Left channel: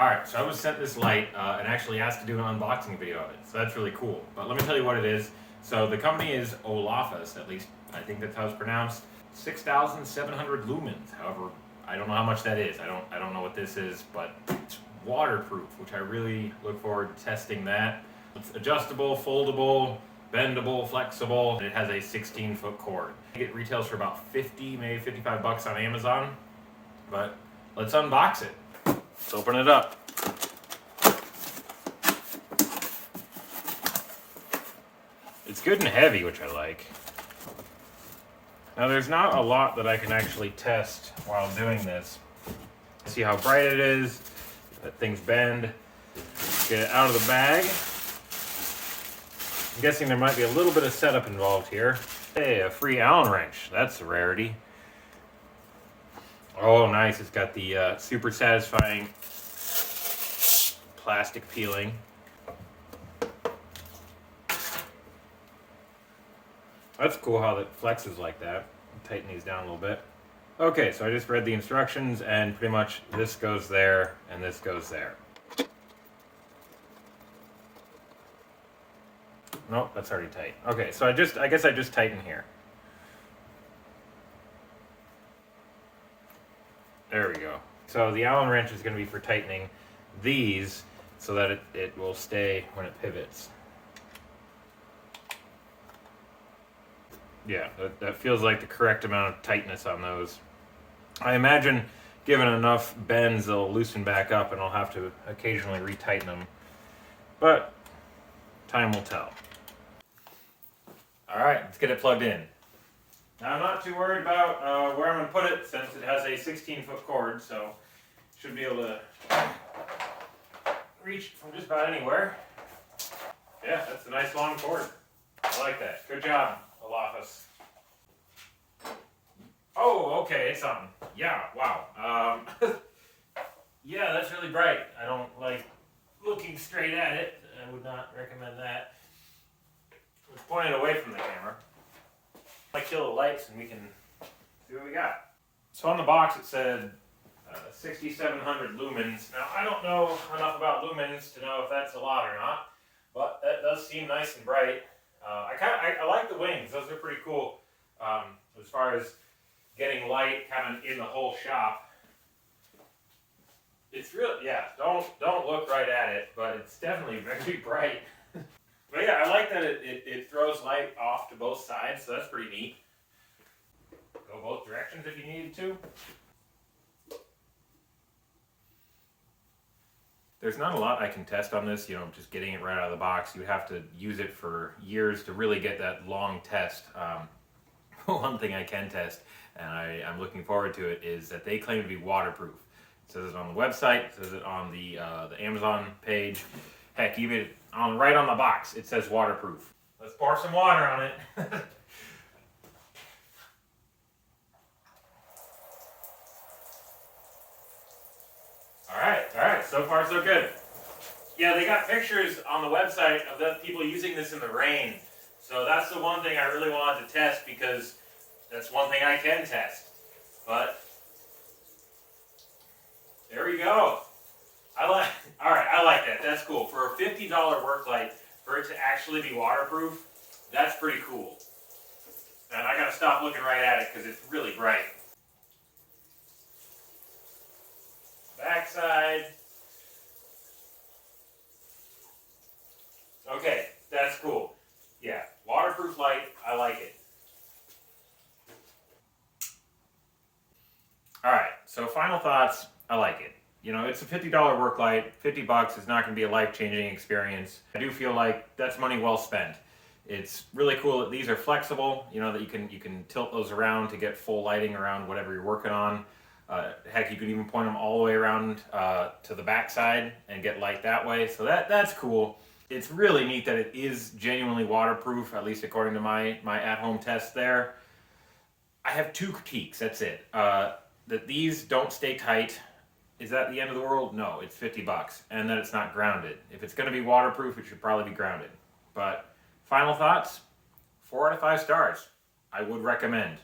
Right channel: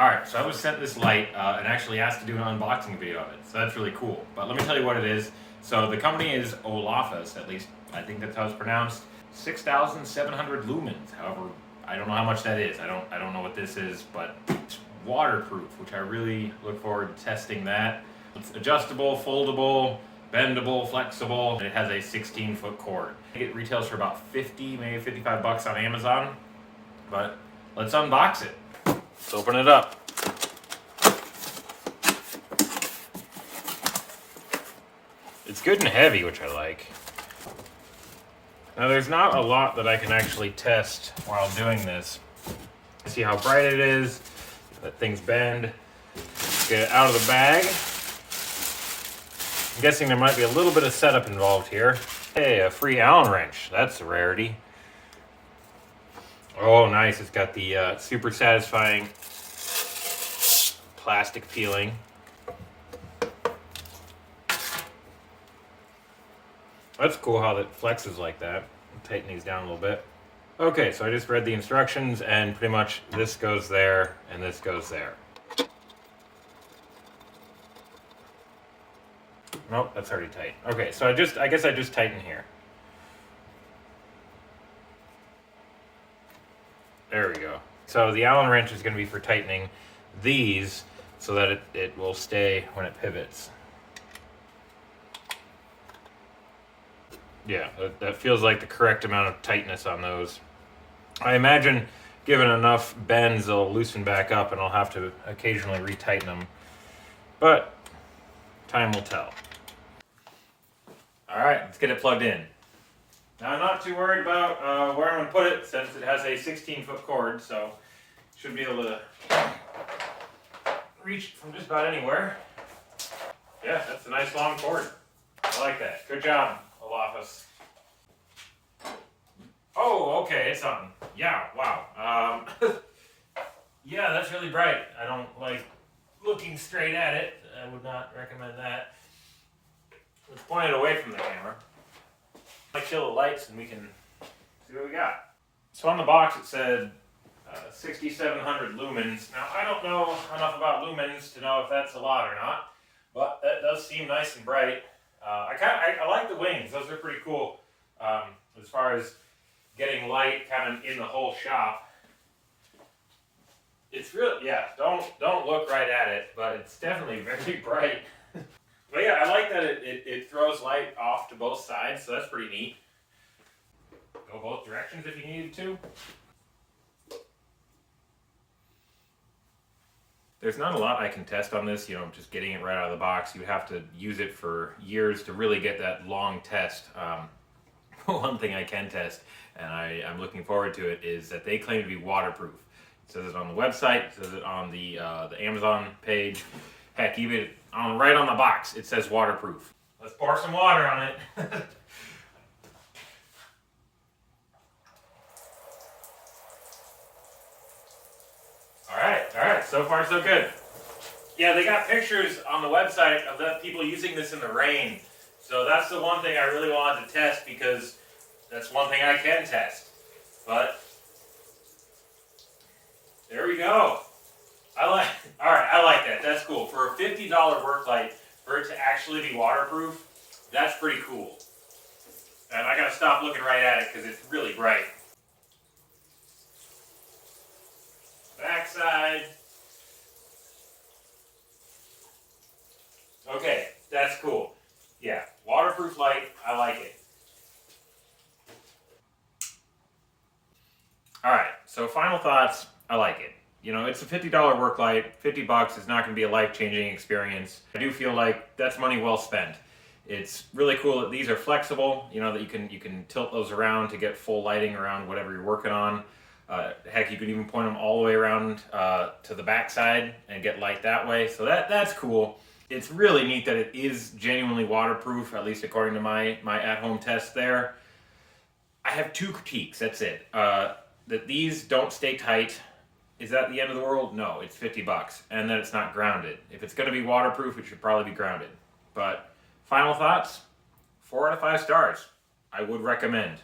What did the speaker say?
Alright, so I was sent this light and actually asked to do an unboxing video of it, so that's really cool. But let me tell you what it is. So the company is Olafus, at least I think that's how it's pronounced. 6,700 lumens. However, I don't know how much that is. I don't know what this is, but it's waterproof, which I really look forward to testing that. It's adjustable, foldable, bendable, flexible, and it has a 16-foot cord. It retails for about 50, maybe 55 bucks on Amazon, but let's unbox it. Let's open it up. It's good and heavy, which I like. Now there's not a lot that I can actually test while doing this. See how bright it is, let things bend. Get it out of the bag. I'm guessing there might be a little bit of setup involved here. Hey, a free Allen wrench, that's a rarity. Oh, nice. It's got the super satisfying plastic peeling. That's cool how that flexes like that. I'll tighten these down a little bit. Okay, so I just read the instructions, and pretty much this goes there and this goes there. Nope, that's already tight. Okay, so I guess I just tighten here. There we go. So the Allen wrench is going to be for tightening these so that it will stay when it pivots. Yeah, that feels like the correct amount of tightness on those. I imagine given enough bends, they'll loosen back up and I'll have to occasionally retighten them. But time will tell. All right, let's get it plugged in. Now, I'm not too worried about where I'm going to put it since it has a 16-foot cord, so should be able to reach from just about anywhere. Yeah, that's a nice long cord. I like that. Good job, Olafus. Oh, okay, it's on. Yeah, wow. Yeah, that's really bright. I don't like looking straight at it. I would not recommend that. Let's point it away from the camera. I kill the lights and we can see what we got. So on the box it said 6,700 lumens. Now I don't know enough about lumens to know if that's a lot or not, but that does seem nice and bright. I like the wings; those are pretty cool. As far as getting light kind of in the whole shop, it's really Don't look right at it, but it's definitely very bright. But yeah, I like that it throws light off to both sides, so that's pretty neat. Go both directions if you needed to. There's not a lot I can test on this, just getting it right out of the box. You have to use it for years to really get that long test. One thing I can test, and I'm looking forward to it, is that they claim to be waterproof. It says it on the website, it says it on the Amazon page. Heck, even right on the box, it says waterproof. Let's pour some water on it. All right, so far so good. Yeah, they got pictures on the website of the people using this in the rain. So that's the one thing I really wanted to test because that's one thing I can test. But there we go. I like that. That's cool. For a $50 work light, for it to actually be waterproof, that's pretty cool. And I gotta stop looking right at it because it's really bright. Backside. Okay, that's cool. Yeah, waterproof light, I like it. Alright, so final thoughts, I like it. It's a $50 work light. 50 bucks is not going to be a life-changing experience. I do feel like that's money well spent. It's really cool that these are flexible, that you can tilt those around to get full lighting around whatever you're working on. Heck, you can even point them all the way around to the back side and get light that way. So that's cool. It's really neat that it is genuinely waterproof, at least according to my at-home test there. I have two critiques, that's it. That these don't stay tight. Is that the end of the world? No, it's 50 bucks. And that it's not grounded. If it's going to be waterproof, it should probably be grounded. But final thoughts, 4 out of 5 stars. I would recommend.